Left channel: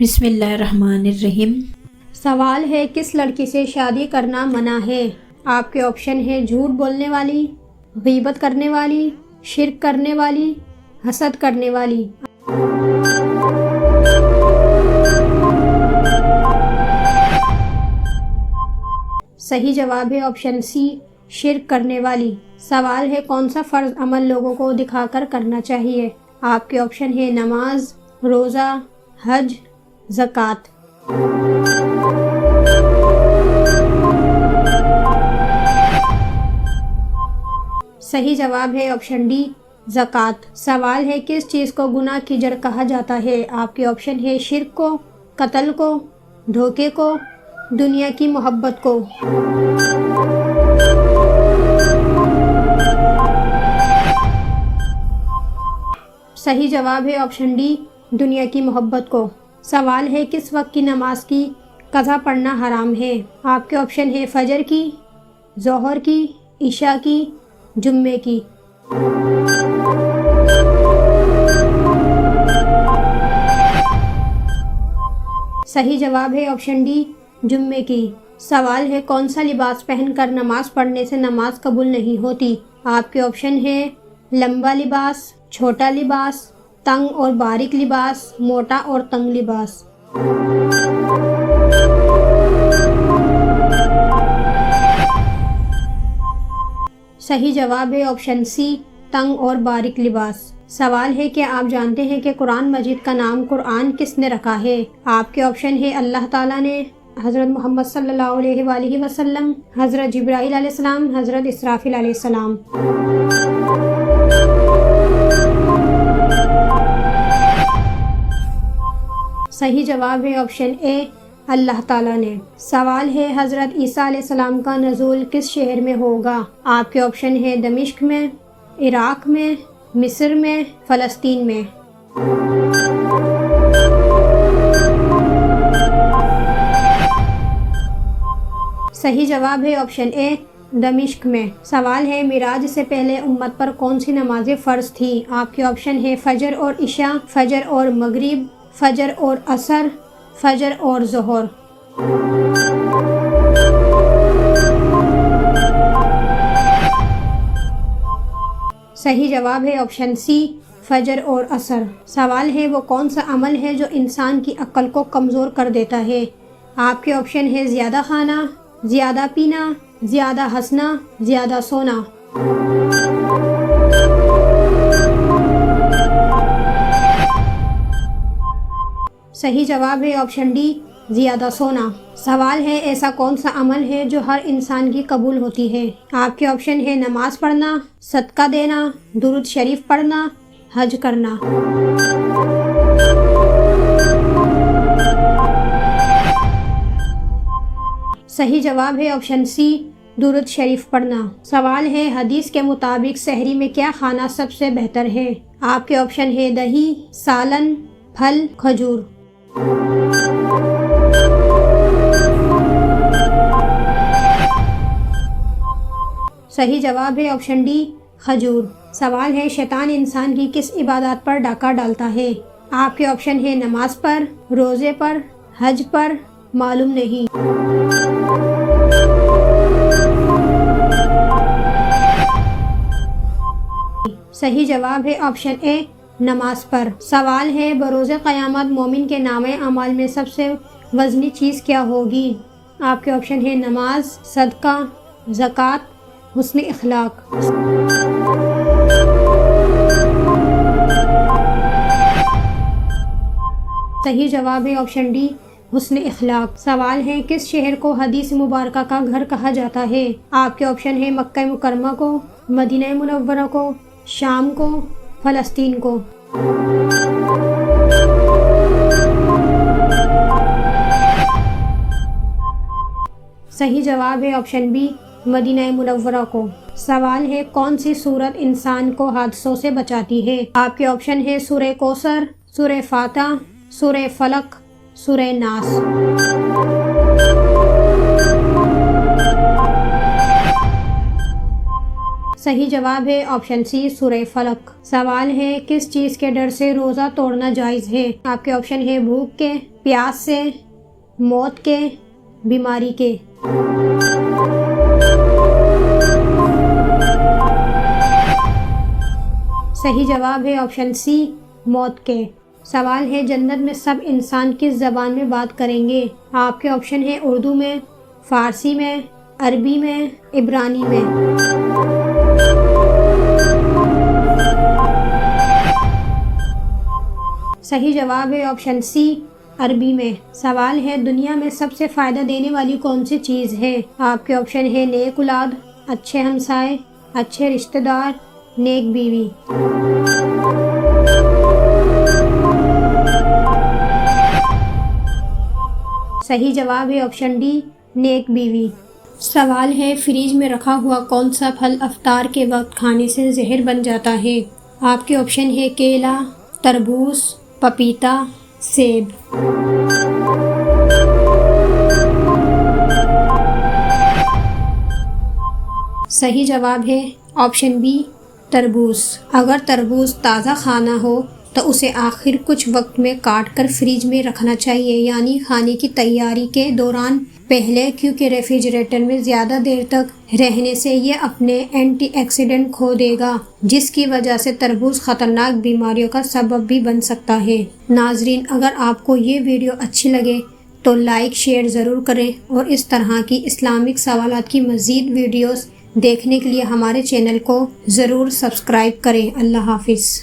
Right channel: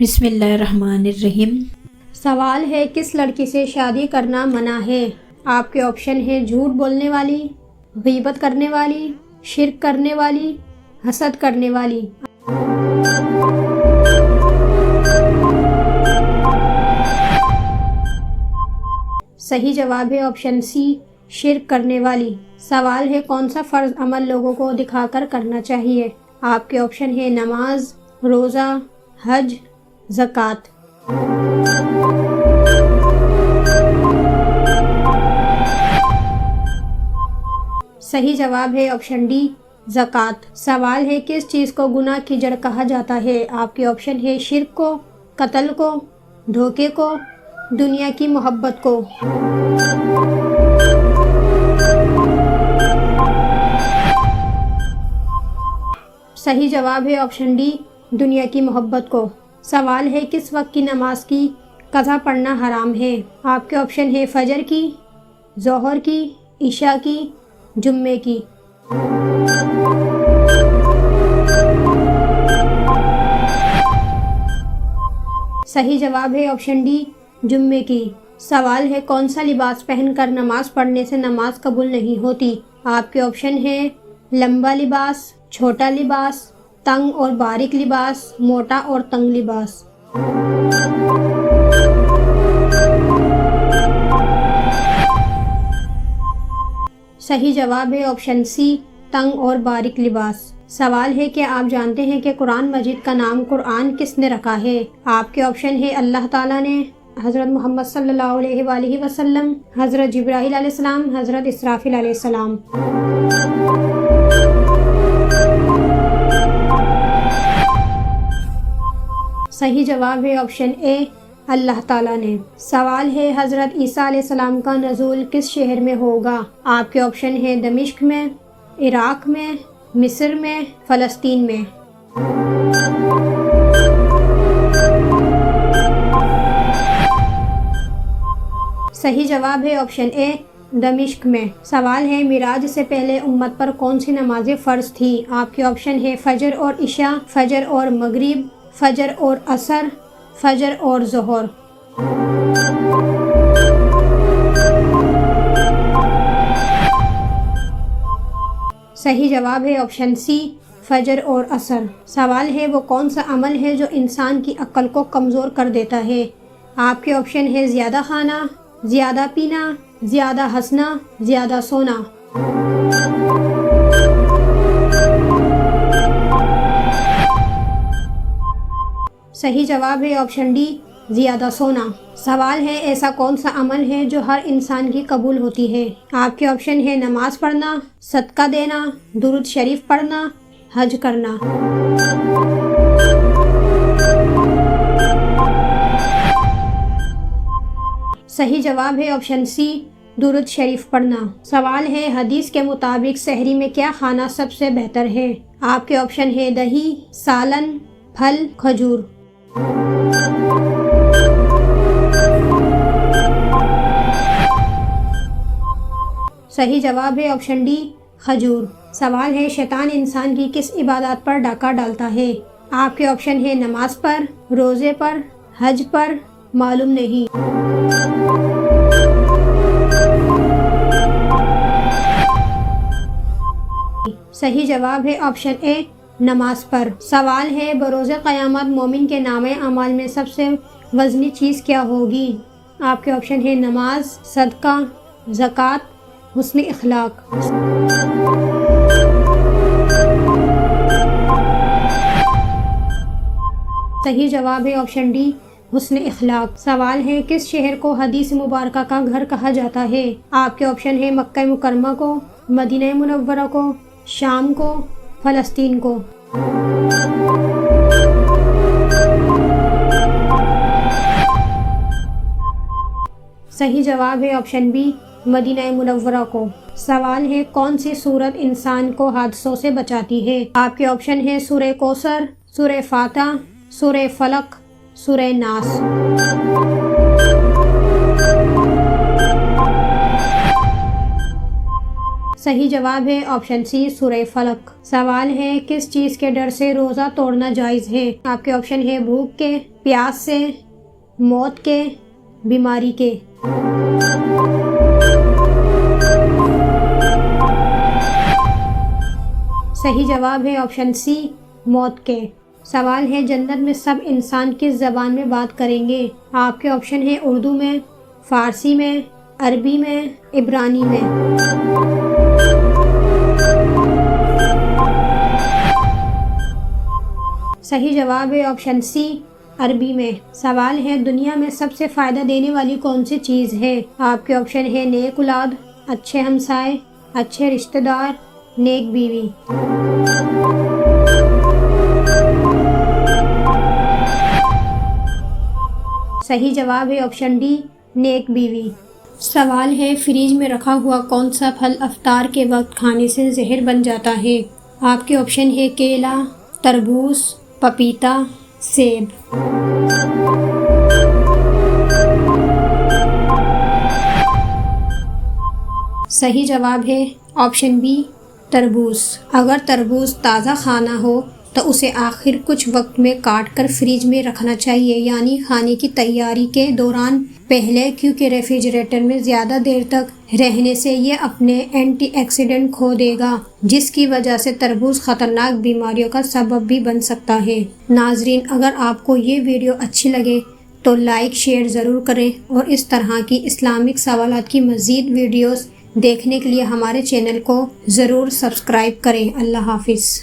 بسم اللہ الرحمن الرحیم۔ سوال ہے کس لڑکی سے شادی کرنا منع ہے؟ آپ کے آپشن ہے جھوٹ بولنے والی، غیبت کرنے والی، شرک کرنے والی، حسد کرنے والی۔ صحیح جواب ہے آپشن سی، شرک کرنے والی۔ سوال ہے کون سا فرض عمل لوگوں کو دکھا کر کرنا چاہیے؟ آپ کے آپشن ہے نماز، روزہ، حج، زکوٰۃ۔ صحیح جواب ہے آپشن ڈی، زکوٰۃ۔ سوال ہے کس چیز کو گناہ کی جڑ کہا جاتا ہے؟ آپ کے آپشن ہے شرک کو، قتل کو، دھوکے کو، دنیا کی محبت کو۔ صحیح جواب ہے آپشن ڈی، دنیا کی محبت کو۔ سوال ہے کس وقت کی نماز کی قضا پڑھنا حرام ہے؟ آپ کے آپشن ہے فجر کی، ظہر کی، عشاء کی، جمعے کی۔ صحیح جواب ہے آپشن ڈی، جمعے کی۔ سوال ہے کون سا لباس پہن کر نماز پڑھنے سے نماز قبول نہیں ہوتی؟ آپ کے آپشن ہے لمبا لباس، چھوٹا لباس، تنگ اور باریک لباس، موٹا اور تنگ لباس۔ صحیح جواب ہے آپشن سی، تنگ اور باریک لباس۔ سوال ہے کہ آپ جانتے ہیں کہ قرآن مجید کا نام قرآن کس نے رکھا ہے؟ آپ کے آپشن ہے اللہ تعالیٰ نے، حضرت محمد صلی اللہ علیہ وآلہ وسلم، حضرت جبرائیل علیہ السلام، حضرت اسرافیل علیہ السلام۔ صحیح جواب ہے آپشن اے، اللہ تعالیٰ نے۔ سوال ہے حضرت عیسیٰ علیہ السلام کا نزول کس شہر میں ہوگا؟ آپ کے آپشن ہے دمشق میں، عراق میں، مصر میں، فلسطین میں۔ صحیح جواب ہے آپشن اے، دمشق میں۔ سوال ہے معراج سے پہلے امت پر کون سی نمازیں فرض تھی؟ آپ کے آپشن ہے فجر اور عشاء، فجر اور مغرب، فجر اور عصر، فجر اور ظہر۔ صحیح جواب ہے آپشن سی، فجر اور عصر۔ سوال ہے وہ کون سا عمل ہے جو انسان کی عقل کو کمزور کر دیتا ہے؟ آپ کے آپشن ہے زیادہ کھانا، زیادہ پینا، زیادہ ہنسنا، زیادہ سونا۔ صحیح جواب ہے آپشن ڈی، زیادہ سونا۔ سوال ہے ایسا کون سا عمل ہے جو ہر انسان کی قبول ہوتی ہے؟ آپ کے آپشن ہے نماز پڑھنا، صدقہ دینا، درود شریف پڑھنا، حج کرنا۔ صحیح جواب ہے آپشن سی، درود شریف پڑھنا۔ سوال ہے حدیث کے مطابق سحری میں کیا کھانا سب سے بہتر ہے؟ آپ کے آپشن ہے دہی، سالن، پھل، کھجور۔ صحیح جواب ہے آپشن ڈی، کھجور۔ سوال ہے شیطان انسان کی کس عبادات پر ڈاکہ ڈالتا ہے؟ آپ کے آپشن ہے نماز پر، روزے پر، حج پر، معلوم نہیں۔ صحیح جواب ہے آپشن اے، نماز پر۔ سوال ہے بروز قیامت مومن کے نامہ اعمال میں سب سے وزنی چیز کیا ہوگی؟ آپ کے آپشن ہے نماز، صدقہ، زکوٰۃ، حسن اخلاق۔ صحیح جواب ہے آپشن ڈی، حسن اخلاق۔ سوال ہے کس شہر کو حدیث مبارکہ کا گھر کہا جاتا ہے؟ آپ کے آپشن ہے مکہ مکرمہ کو، مدینہ منورہ کو، شام کو، فلسطین کو۔ صحیح جواب ہے آپشن بی، مدینہ منورہ کو۔ سوال ہے کون سی سورت انسان کو حادثوں سے بچاتی ہے؟ آپ کے آپشن ہے سورہ کوثر، سورہ فاتح، سورہ فلق، سورہ ناس۔ صحیح جواب ہے آپشن سی، سورہ فلق۔ سوال ہے کس چیز کے ڈر سے روزہ توڑنا جائز ہے؟ آپ کے آپشن ہے بھوک کے، پیاس سے، موت کے، بیماری کے؟ صحیح جواب ہے آپشن سی، موت کے۔ سوال ہے جنت میں سب انسان کس زبان میں بات کریں گے؟ آپ کے آپشن ہے اردو میں، فارسی میں، عربی میں، عبرانی میں۔ صحیح جواب ہے آپشن سی، عربی میں۔ سوال ہے دنیا میں سب سے فائدہ دینے والی کون سی چیز ہے؟ آپ کے آپشن ہے نیک اولاد، اچھے ہمسائے، اچھے رشتہ دار، نیک بیوی۔ صحیح جواب ہے آپشن ڈی، نیک بیوی۔ سوال ہے فریج میں رکھا ہوا کون سا پھل افطار کے وقت کھانے سے زہر بن جاتا ہے؟ آپ کے آپشن ہے کیلا، تربوز، پپیتا، سیب۔ صحیح جواب ہے آپشن بی، تربوز۔ اگر تربوز تازہ کھانا ہو تو اسے آخر کچھ وقت میں کاٹ کر فریج میں رکھنا چاہیے، یعنی کھانے کی تیاری کے دوران پہلے، کیونکہ ریفریجریٹر میں زیادہ دیر تک رہنے سے یہ اپنے اینٹی آکسیڈنٹ کھو دے گا، جس کی وجہ سے تربوز خطرناک بیماریوں کا سبب بھی بن سکتا ہے۔ ناظرین، اگر آپ کو یہ ویڈیو اچھی لگے تو لائک شیئر ضرور کریں، اور اس طرح کی اسلامک سوالات کی مزید ویڈیوز دیکھنے کے لیے ہمارے چینل کو ضرور سبسکرائب کریں۔ اللہ حافظ۔